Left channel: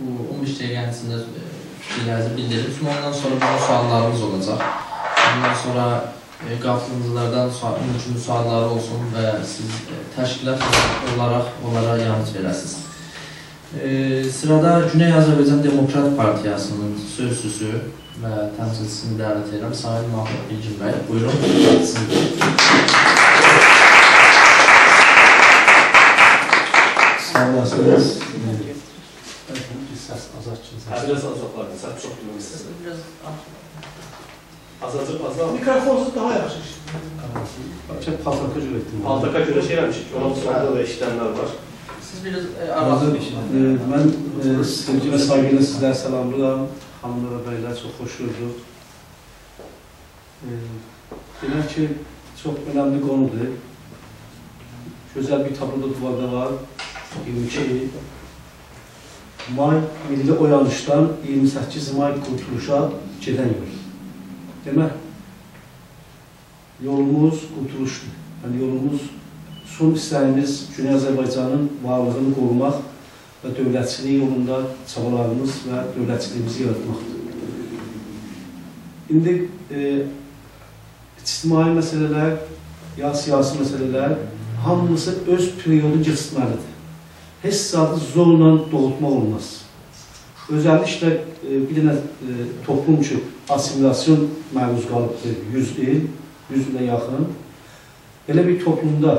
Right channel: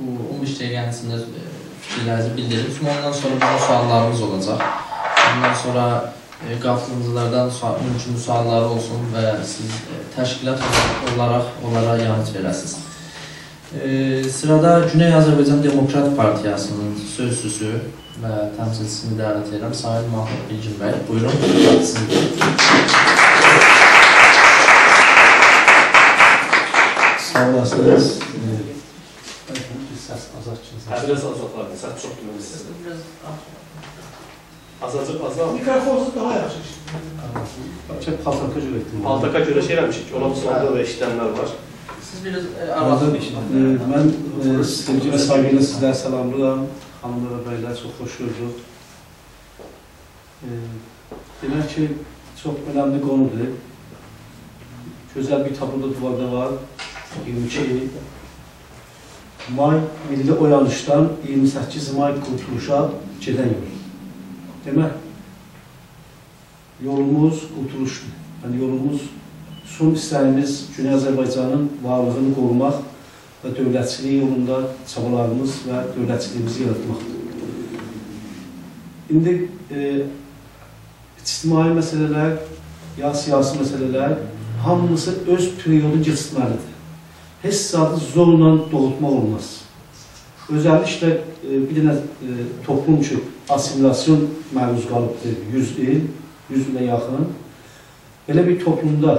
bu 15 dəqiqənin içində fikirlərinizi bildirin. Ondan sonra bizim suallarımız olacaq. Ondan sonra qatılımcılardan mümkün sualları olsun və siz təşkilat olaraq onlara yanıt verəsiniz. Sırada Güney Azərbaycan Demokrat Partiyasının sözcüsü və təmsilçisini dəvət edirəm. Sahil Mahmud Bilgin bəy. Buyurun. Sağ olasınız. Səs azaltçınız. Biraz azaltlarım. Səs çox duyulmuşsunuz. Biraz Azalcıq azalt. Mikrofonunuz daha yaxşı. Paltaka görə etdim. Paltaka görə şey eləmişik. Ona sorduğu və işlənlər var. siz biraz arazın işini. Mən sevgi və saygı ilə sizləri salamlayıram. Xanımlar və bəylər, çox xoş gördük. Demək ki, çox önəmli qonudur. Gözəl bir tablo da duvarda var. 22 may milli oyanışdan 28 may qurtuluşa gedən yol. Demək, yolumuz qurtuluşdur. Yəni, yolumuz, son istəyimiz Güney Azərbaycanın varlığını qorumaq və dövlətçiliyi yolunda çabalarımız və dövlətçiliyimizi yaratmaqdır. İndi ictimai məsələlər, ya siyasi məsələlər hamısı öz periodu geçirməlidir. Heç saatı zorla doğultmaq olmaz. Özəlliklə bir dənə toplum ki, asimilasyon məruz qalıbdır 100 il, 100 ilə yaxın. Belə bir toplumda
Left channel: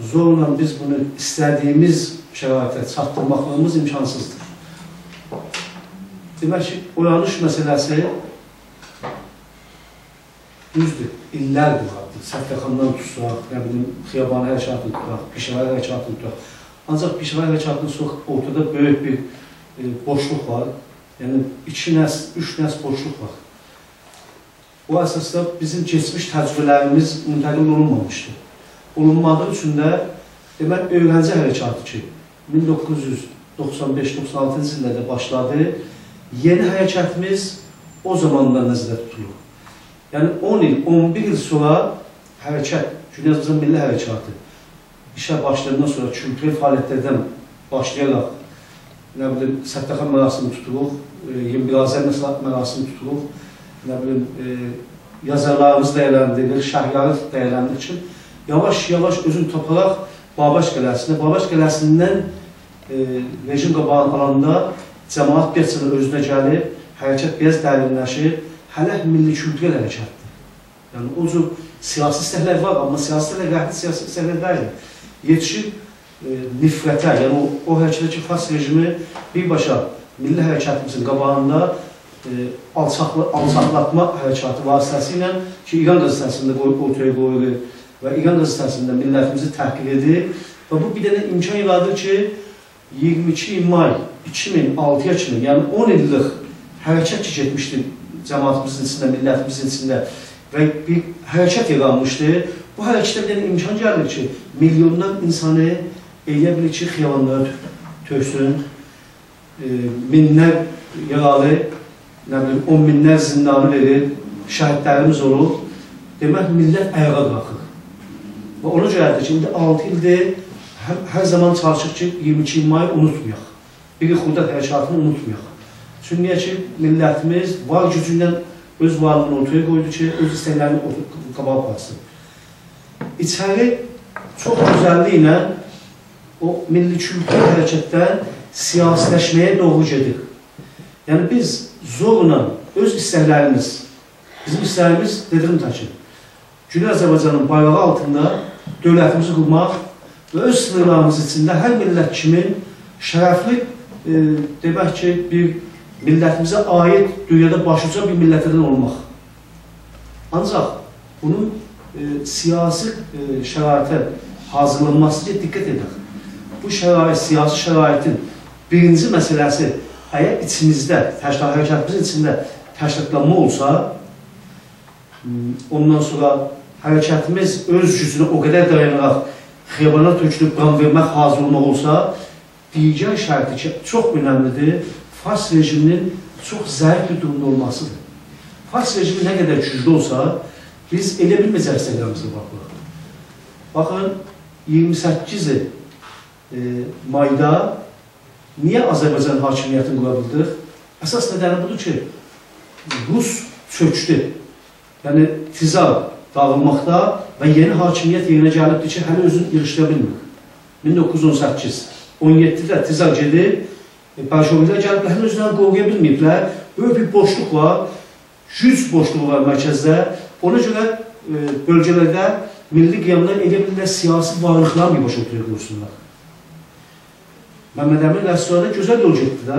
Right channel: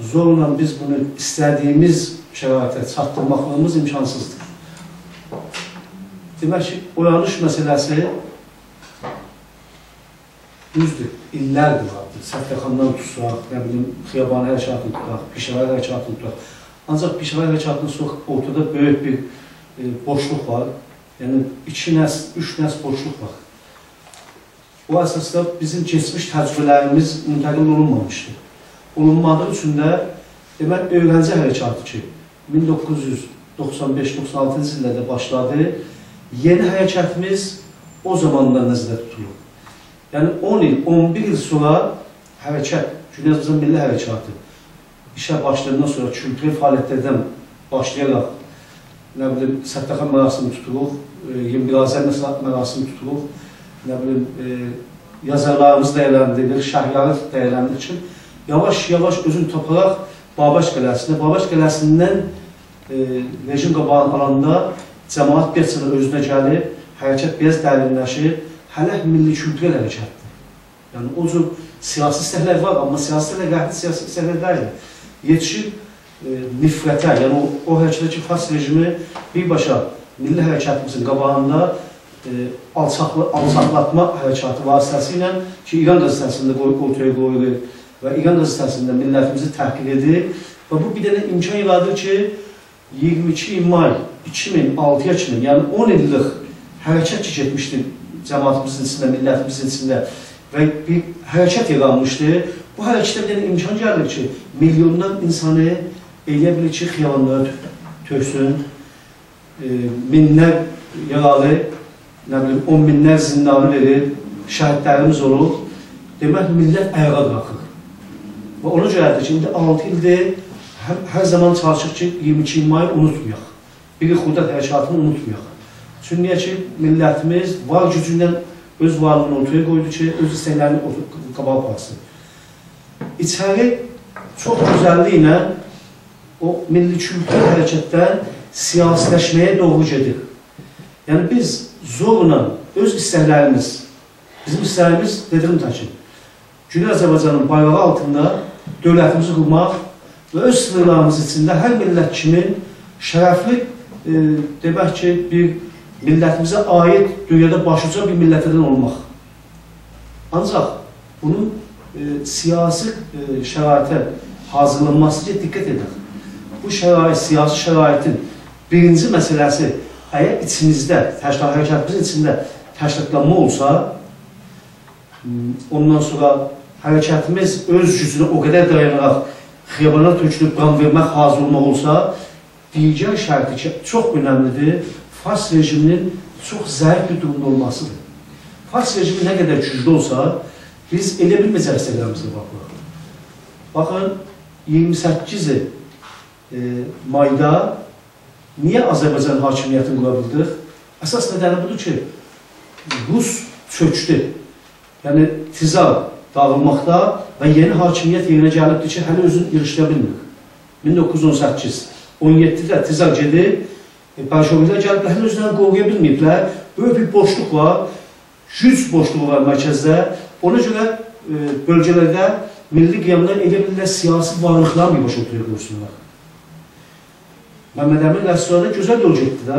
zorla biz bunu istədiyimiz şəraitə çatdırmaqlarımız imkansızdır. Demək ki, oyanış məsələsi düzdür, illərdir vardır. Səfrəxandan tutsaq, nə bilim, xiyabanı hərəkatını tutaq, pişəvər hərəkatını tutaq. Ancaq pişəvər hərəkatının çox ortada böyük bir boşluq var. Yəni, 2 nəsl, 3 nəsl boşluq var. O əsasda bizim keçmiş təcrübələrimiz müntəqil olunmamışdır. Olunmadığı üçün də, demək, öyrənci hərəkatı ki, 1995-96-cı illərdə başladı, yeni hərəkətimiz o zamandan nəzərdə tutulur. Yəni, 10 il, 11 il sonra hərəkət, Güney Azərbaycan Milli Hərəkatı işə başlayandan sonra kültürel fəaliyyətlərdən başlayaraq, nə bilim, Səttəxan mərasimi tuturuq, 21 Azər mərasimi tuturuq, nə bilim, yazarlarımızı dəyərləndirir, şəhərləri dəyərləndirir ki, yavaş-yavaş özünü taparaq Babaş Qələsinə, Babaş Qələsindən rejim qabağını alanda cəmaat bir sıra özünə gəlib, hərəkət biraz dərinləşir, hələ milli kültürel hərəkətdir. Yəni, o cür siyasi istəklər var, amma siyasi istəklər qəhri siyasi istəklər deyil. Yetişib nifrətə, yəni o hərəkətdəki fas rejimi birbaşa milli hərəkətimizin qabağında alçaqlatma hərəkatı vasitəsi ilə ki, İran qəzetəsində ortaya qoyulur və İran qəzetəsində millətimizi təhqir edir və bu bir dənə imkan yaradır ki, 22 may 2006-ya kimi, yəni 10 illik hərəkət ki, getmişdir cəmaatımızın içində, millətimizin içində və bir hərəkət yaranmışdır. Bu hərəkətə bir dənə imkan gəlir ki, milyonlar insanı eləyə bilir ki, xiyabanlara töksün, minlər yaralı, nə bilim, 10 minlər zindanı verir, şəhidlərimiz olur. Demək, millət ayağa qalxır. Və ona görədir ki, indi 6 ildir, hər zaman çalışıq ki, 22 may unutmayaq. Bir xudət hərəkatını unutmayaq. Çünki niyə ki, millətimiz var gücündən öz varlığını ortaya qoydu ki, öz istəklərini qabağa aparsın. İçəri çox gözəlliyi ilə o milli kültür hərəkətdən siyasiləşməyə doğru gedir. Yəni biz zorla öz istəklərimiz, bizim istəklərimiz, dedim ki, Güney Azərbaycanın bayrağı altında dövlətimizi qurmaq və öz sınırlarımız içində hər millət kimi şərəfli, demək ki, bir millətimizə aid dünyada başuca bir millətdən olmaq. Ancaq bunun siyasi şəraitə hazırlanması ki, diqqət edək. Bu şərait, siyasi şəraitin birinci məsələsi əgər içimizdə, hərəkətimizin içində təşkilatlanma olsa, ondan sonra hərəkətimiz öz gücünə o qədər dayanaraq xiyabana tökülüb qan vermək hazır olmaq olsa, digər şərti ki, çox önəmlidir, fars rejiminin çox zəif bir durumda olmasıdır. Fars rejimi nə qədər güclü olsa, biz elə bilməyəcək istəklərimizə baxırıq. Baxın, 28 mayda niyə Azərbaycan hakimiyyətini qura bildıq? Əsas nedəni budur ki, Rus çökdü. Yəni, tizar dağılmaqda və yeni hakimiyyət yerinə gəlibdir ki, hələ özünü yığışdıra bilmir. 1918-17-də tizar gedir, Bolşeviklər gəliblər, hələ özlərini qoruya bilməyiblər. Böyük bir boşluq var, güc boşluğu var mərkəzdə. Ona görə bölgələrdə milli qiyamlar elə bilirlər, siyasi varlıqlarla birbaşa oturuq görsünlər. Məhəmməd Əmin rəstoranda gözəl yol getdi də.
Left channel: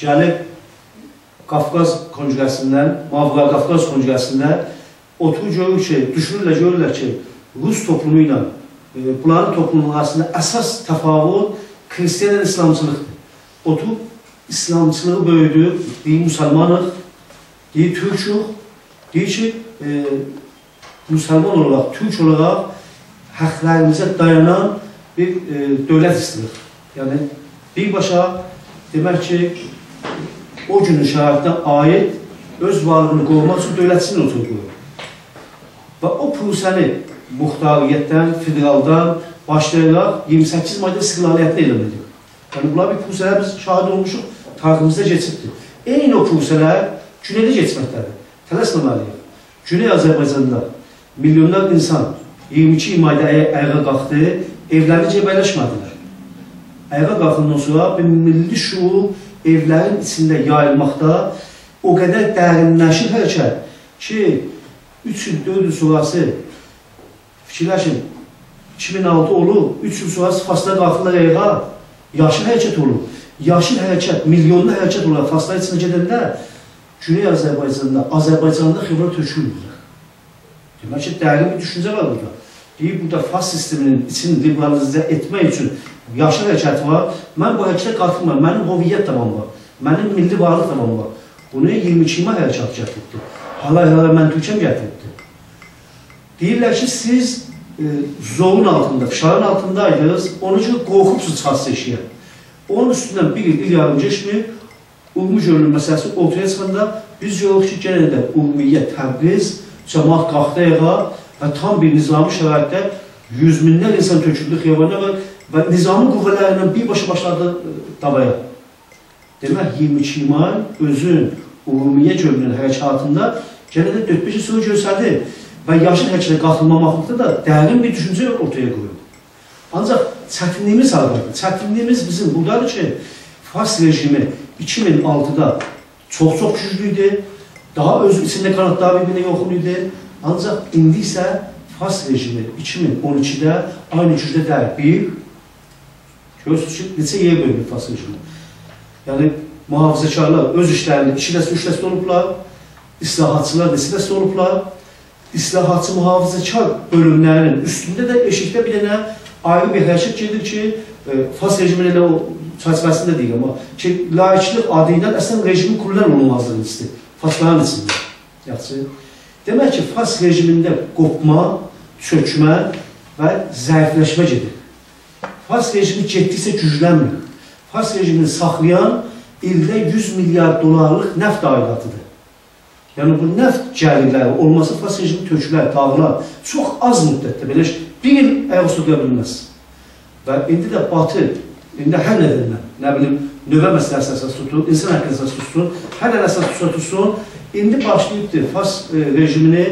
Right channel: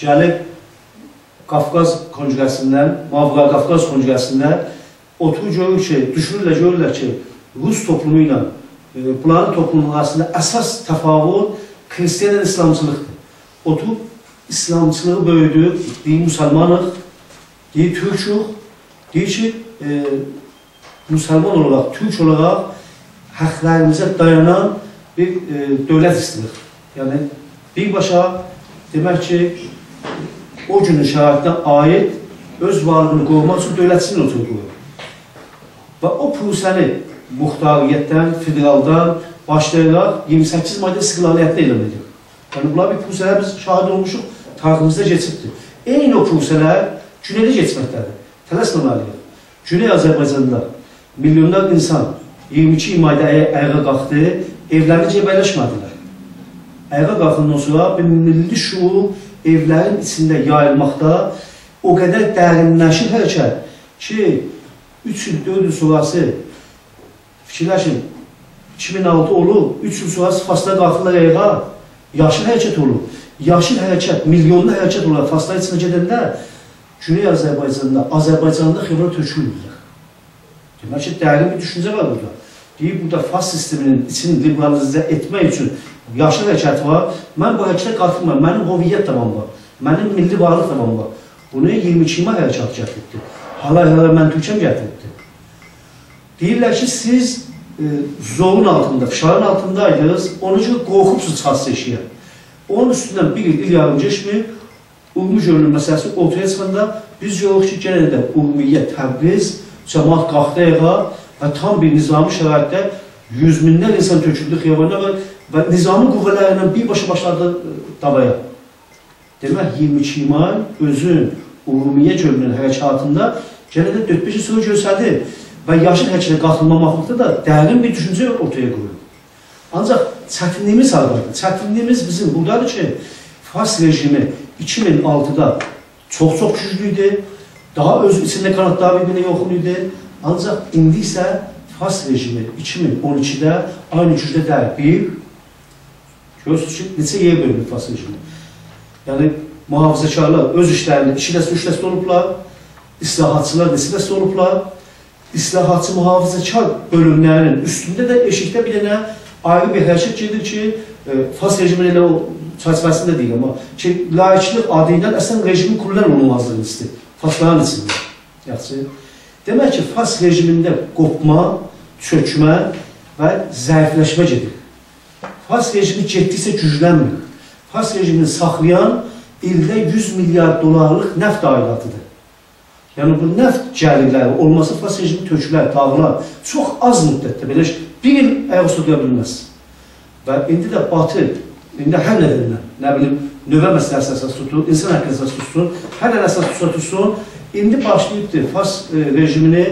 Gəlib Qafqaz kongresindən, Mavra Qafqaz kongresindən oturur görür ki, düşünürlər ki, Rus toplumu ilə bunların toplumunun arasında əsas təfavut Xristiyan İslamçılıqdır. Oturub İslamçılığı böyüdür, deyir müsəlmanıq, deyir türküq, deyir ki, müsəlman olaraq, türk olaraq həqlərimizə dayanan bir dövlət istəyir. Yəni, birbaşa demək ki, o günün şəraitinə aid öz varlığını qorumaq üçün dövlətçinin oturub qoyur. Və o prosəni muxtariyyətdən, federaldan başlayaraq 28 mayda istiqlaliyyətdə elan edir. Yəni, bunlar bir prosələr biz şahid olmuşuq, tariximizdə geçibdir. Eyni o prosələr Güneydə geçməkdədir. Tələsməməliyik. Güney Azərbaycanda milyonlar insan 22 mayda ayağa qalxdı, evlərini cəbələşmədilər. Ayağa qalxından sonra bir milli şuur evlərin içində yayılmaqda o qədər dərinləşir hərəkət ki, 3 il, 4 il sonrası fikirləşin, 2006 olur, 3 il sonrası Fasda qalxırlar ayağa, yaşıl hərəkət olur. Yaşıl hərəkət, milyonlu hərəkət olur. Faslar içində gedəndə Güney Azərbaycanda, Azərbaycanda xeyvara tökülürlər. Demək ki, dərin bir düşüncə var burada. Deyib, burada Fas sisteminin içini liberalizə etmək üçün yaşıl hərəkət var. Mən bu hərəkətə qatılmam, mənim hoviyyət tamam var, mənim milli varlıq tamam var. Bunu 22 may hərəkət gətiribdir. Halay-halay mən Türkəm gətiribdir. Deyirlər ki, siz zorun altında, fişarın altındaydınız, onun üçün qorxubsuz çıxası eşiyə. Onun üstündən bir il yarım geçmir, Urmu görünün məsələsi ortaya çıxanda biz yoruq ki, genə də Urmiyyət, Təbriz, cəmaat qalxdı ayağa və tam bir nizami şəraitdə 100 minlər insan töküldü xiyabana və nizami qüvvələrlə birbaşa başladı davaya. Demək, 22 may özün Urmiyyə görünün hərəkatında genə də 4-5 il sonra görsədi və yaşın hərəkətə qatılmamaqlıqda da dərin bir düşüncə ortaya qoyuyor. Ancaq çətinliyimiz halqadır. Çətinliyimiz bizim buradadır ki, Fas rejimi 2006'da çok güçlüydü. Daha öz içinde kanatlar birbirine yoxluydu. Ancaq indi isə Fas rejimi 2012'də aynı gücdə deyil. Görürsünüz ki, neçə yer bölünür Fas rejimi. Yəni, mühafizəkarlar öz işlərini 2 dəstə, 3 dəstə olublar. İslahatçılar neçə dəstə olublar. İslahatçı mühafizəkar bölümlərinin üstündə də eşikdə bir dənə ayrı bir hərəkət gedir ki, Fas rejimin elə o çərçivəsində deyil, amma ki, laiklik adı ilə əslən rejimin kurulan olmazlığını istəyir. Fasların içində. Yaxşı. Demək ki, Fas rejimində qopma, çökmə və zəifləşmə gedir. Fas rejimi getdikcə güclənmir. Fas rejimini saxlayan ildə 100 milyar dolarlıq nəft aidatıdır. Yəni, bu nəft gəlirləri olması Fas rejimi tökülər, dağılar. Çox az müddətdə, belə bir il ayaq tutuya bilməz. Və indi də Batı, indi hər nədənlə, nə bilim, növə məsələsi əsas tutun, insan haqqı əsas tutsun, hər nədən əsas tutsun, indi başlayıbdır Fas rejimini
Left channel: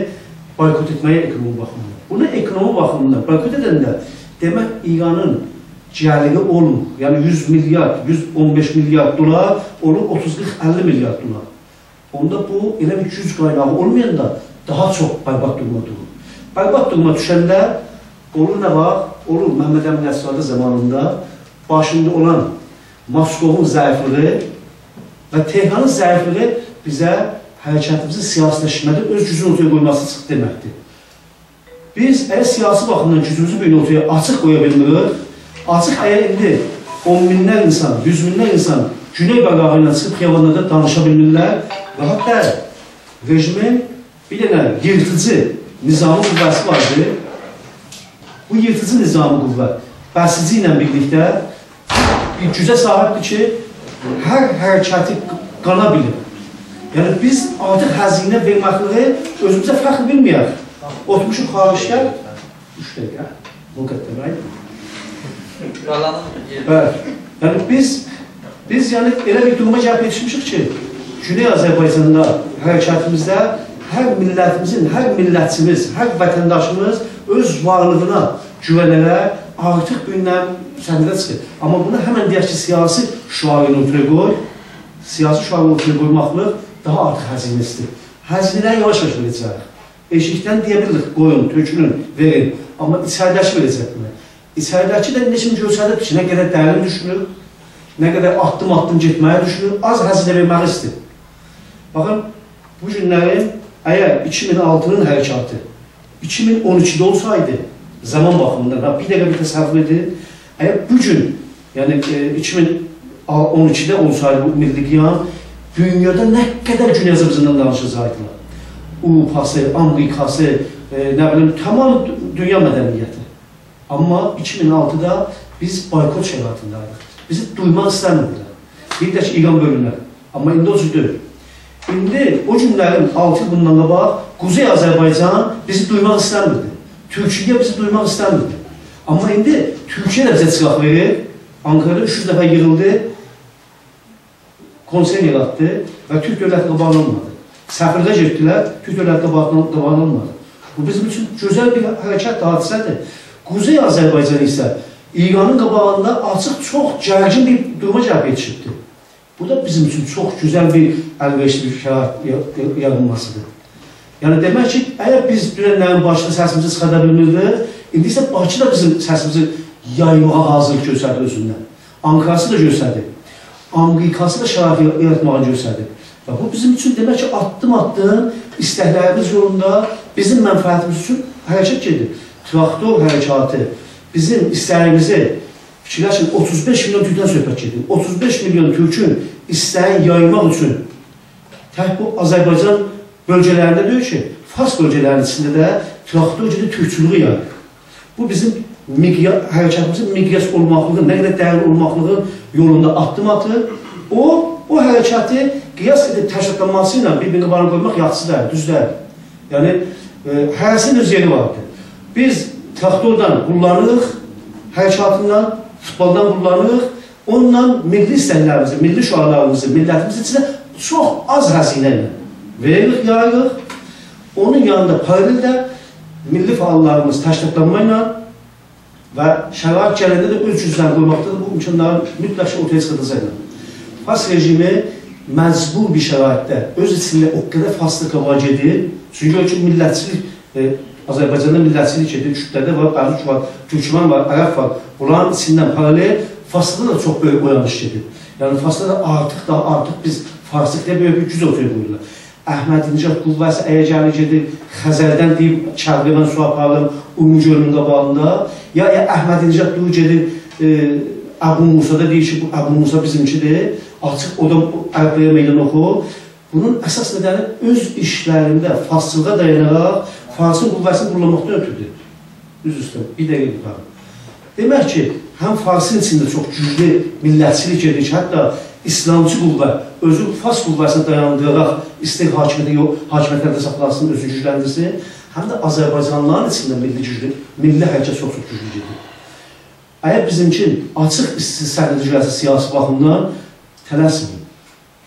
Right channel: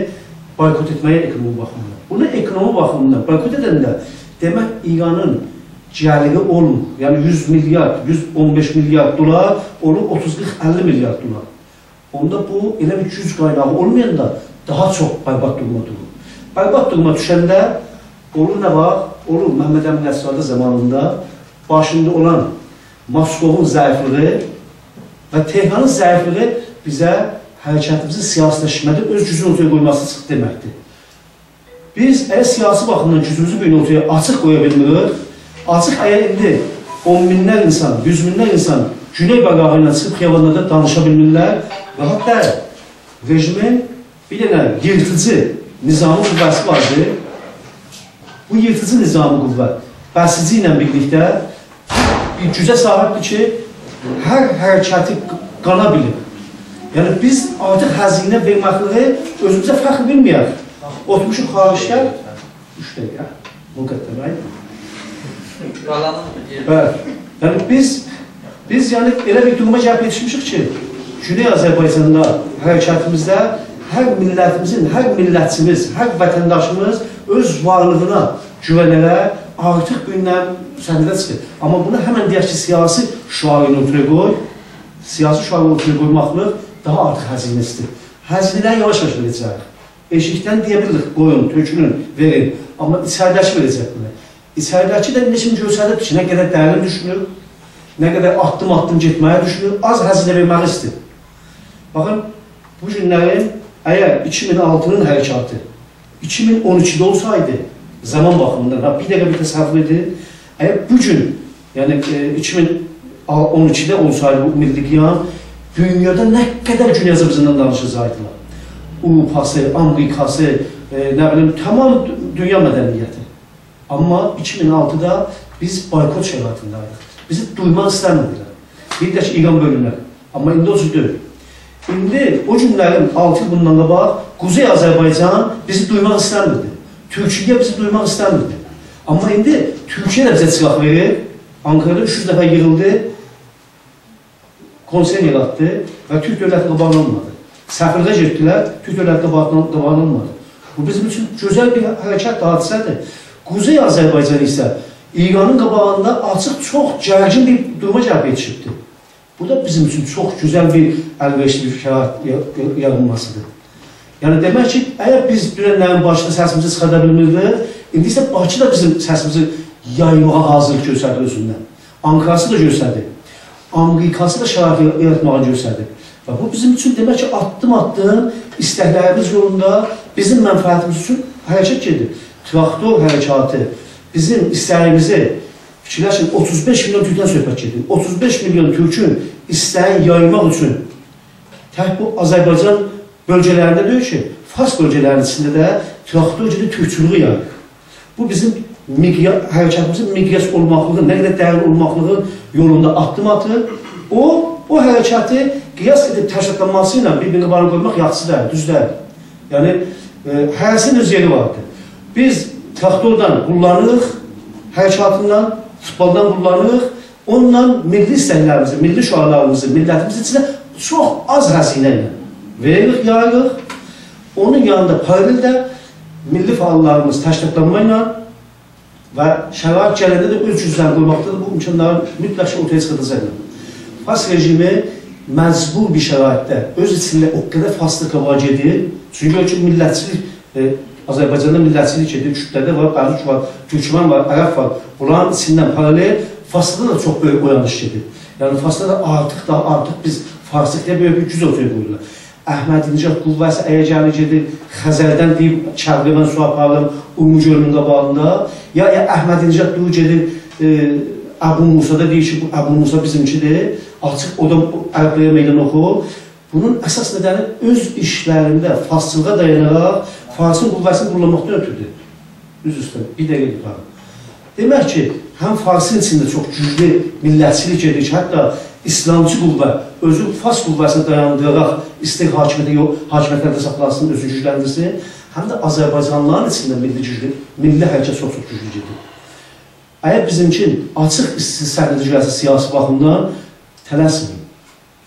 boykot etməyə ekonomi baxımından. Bunu ekonomi baxımından boykot edəndə, demək, İranın gəliri olmur. Yəni 100 milyar, 115 milyar dolar olur, 30-40-50 milyar dolar. Onda bu, elə bir güc qaynağı olmayanda daha çox bərbad duruma durur. Bərbad duruma düşəndə olur nə var? Olur Məhəmməd Əmin Əsradə zamanında başında olan Moskovun zəifliği və Tehranın zəifliği bizə hərəkətimizin siyasiləşmədə öz gücünü ortaya qoyması çıxdı deməkdir. Biz əgər siyasi baxımdan gücümüzü bir ortaya açıq qoya bilmirik, açıq əgər indi 10 minlər insan, 100 minlər insan Güney bəqağı ilə çıxıb xiyabanlarda danışa bilmirlər və hatta rejimin bir dənə yırtıcı nizami qüvvəsi vardır. Bu yırtıcı nizami qüvvə bəsici ilə birlikdə bir gücə sahibdir ki, hər hərəkəti qana bilir. Yəni, biz artıq həzinə verməkliyi özümüzə fəxr bilməyək. Otmuşuq xarişlər, 3 dəqiqə, müqəddəmək. Yəni, biz Biz yəni elə bir duruma gəlib yetişmişik ki, Güney Azərbaycanda hərəkətimizdə hər millətimizin, hər millətçimiz, hər vətəndaşımız öz varlığına güvənərək artıq gündən səhnədə çıxır. Amma buna həmən deyək ki, siyasi şüarını ortaya qoy, siyasi şüarını ortaya qoymaqlıq daha artıq həzinəsidir. Həzinələri yavaş-yavaş verəcək. Eşikdən deyə bilirik, qoyun, tökünün, verin. Amma içəridəki verəcək bunu. İçəridəki də neçin görsədir ki, nə qədər dərin düşünür, nə qədər addım-addım getməyə düşünür, az həzinə verməli istəyir. Baxın, bu günlərin əgər 2006-nın hərəkatı 2012-də olsaydı, zaman baxımından, bir dəqiqə bir təsəvvür edin, əgər bu gün, yəni 2012-də olsaydı bu milli qiyam, dünyada nə qədər Güney Azərbaycandan danışacaqdılar. Avropası, Amerikası, nə bilim, tamam dünya mədəniyyəti. Amma 2006-da biz boykot şəraitindəydik. Bizi duymaq istəmirdilər. Bir də ki, İran bölünər. Amma indi o cür deyil. İndi o günlərin 6 il bundan qabaq Quzey Azərbaycan bizi duymaq istəmirdi. Türkiyə bizi duymaq istəmirdi. Amma indi Türkiyə də bizə çıxaq verir. Ankara'da 300 dəfə yığıldı, konser yaratdı və Türk dövləti qabanılmadı. Səfirdə getdilər, Türk dövləti qabanılmadı. Bu bizim üçün gözəl bir hərəkət hadisədir. Quzey Azərbaycan isə İranın qabağında açıq çox gərgin bir duruma gəlib yetişibdir. Bu da bizim üçün çox gözəl bir əlverişli bir şərait yaranmasıdır. Yəni demək ki, əgər biz dünənlərin başında səsimizi çıxarda bilmirdik, indi isə Bakı da bizim səsimizi yaymağa hazır göstərdi özündən. Ankarası da göstərdi. Amerikası da şərait yaratmağa göstərdi. Və bu bizim üçün demək ki, addım-addım istəklərimiz yolunda bizim mənfəətimiz üçün hərəkət gedir. Traktor hərəkatı bizim istəyimizi fikirləşin, 35 milyon Türkdən söhbət gedir. 35 milyon Türkün istəyi yaymaq üçün tək bu Azərbaycan bölgələrində deyil ki, Fars bölgələrinin içində də traktor gedir, türkçülüğü yayır. Bu bizim hərəkətimizin miqyas olmaqlığın, nə qədər dəyərli olmaqlığın yolunda addım atır. O hərəkəti qiyas edib təşkilatlanması ilə bir-birini qanun qoymaq yaxşı deyil, düz deyil. Yəni, hərəsinin öz yeri vardır. Biz traktordan qullanırıq, hərəkatından, futboldan qullanırıq, onunla milli istəklərimizi, milli şüarlarımızı, millətimizin içində çox az həzinə ilə veririk, yayırıq. Onun yanında paraleldə milli fəallarımız təşkilatlanma ilə və şərait gələndə də öz cüzdən qoymaqdadır, bu imkanları mütləq ortaya çıxırdacaqlar. Fars rejimi məcbur bir şəraitdə öz içində o qədər faslıq var gedir, çünki o ki millətçilik, Azərbaycanda millətçilik edir, kütlədə var, Qarlıq var, Türkmen var, Ərəb var. Bunların içindən paralel Farsda da çox böyük oyanış gedir. Yəni Farsda da artıq biz Farslıqda böyük bir güc ortaya qoyurlar. Əhmədi-Nicat qüvvəsi əgər gəlir gedir, Xəzərdən deyib, Çərqə mən su apardım, Ümumi gölünün qabağında, ya Əhmədi-Nicat deyib gedir, Əbu Musa'da deyir ki, bu Əbu Musa bizimkidir, açıq odan Ərəbləyə meydan oxu. Bunun əsas nədəni öz işlərində farsçılığa dayanaraq Farsın qüvvəsini qurlamaqdan ötürdür. Üz üstə, bir dəqiqə yuxarı. Demək ki, həm Farsın içində çox güclü millətçilik edir ki, hətta İslamcı qüvvə özü Fars qüvvəsini dayandıraraq istək hakimiyyətlərdə saxlansın, özü gücləndirsin, həm də Azərbaycanlıların içində milli hərəkət çox güclü gedir. Əgər bizimkin açıq səhnədə gəlsə siyasi baxımdan tələsməyin.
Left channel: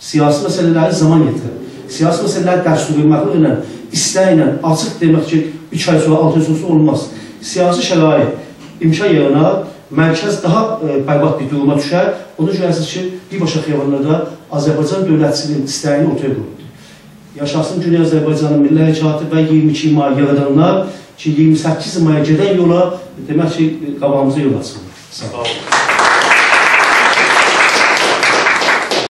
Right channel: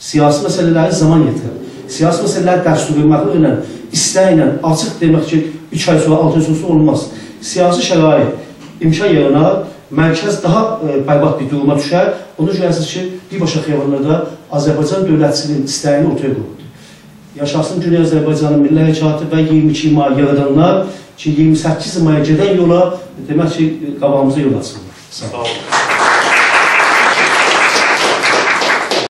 Siyasi məsələləri zaman yetirir. Siyasi məsələləri dərsli verməklə ilə, istəklə, açıq demək ki, 3 ay sonra, 6 ay sonra olmaz. Siyasi şərait, imkan yaranar, mərkəz daha bərbad bir duruma düşər. Ona görəsiniz ki, birbaşa xiyabanlarda Azərbaycan dövlətçiliyin istəyini ortaya qoyuldu. Yaşasın Güney Azərbaycanın milli hərəkatı və 22 may yaradanlar ki, 28 maya gedən yola demək ki, qabağımıza yol açılır. Sağ olun.